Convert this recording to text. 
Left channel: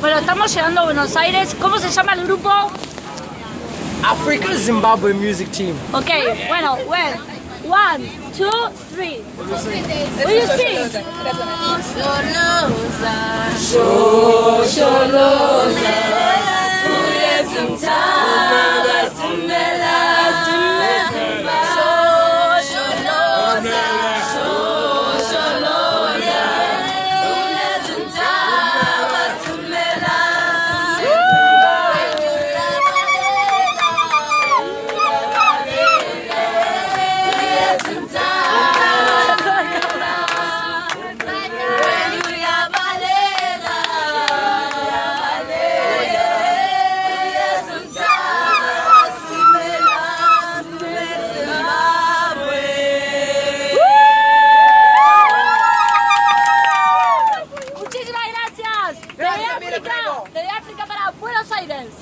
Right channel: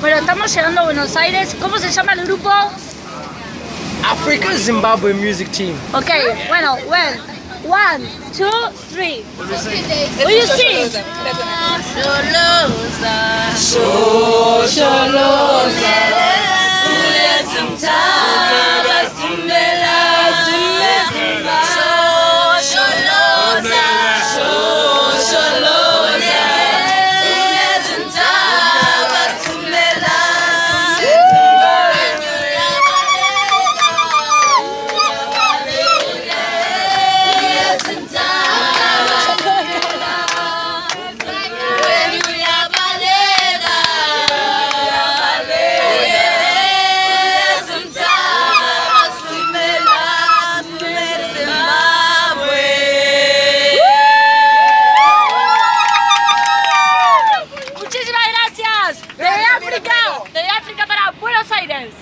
Bueno, estamos llegando a Buenos Aires. ¿Cómo se llama el grupo? Africa Zimbabwe Music Team. Ok, bueno, well, 1, 2, 3. Will you sing? De África para Buenos Aires.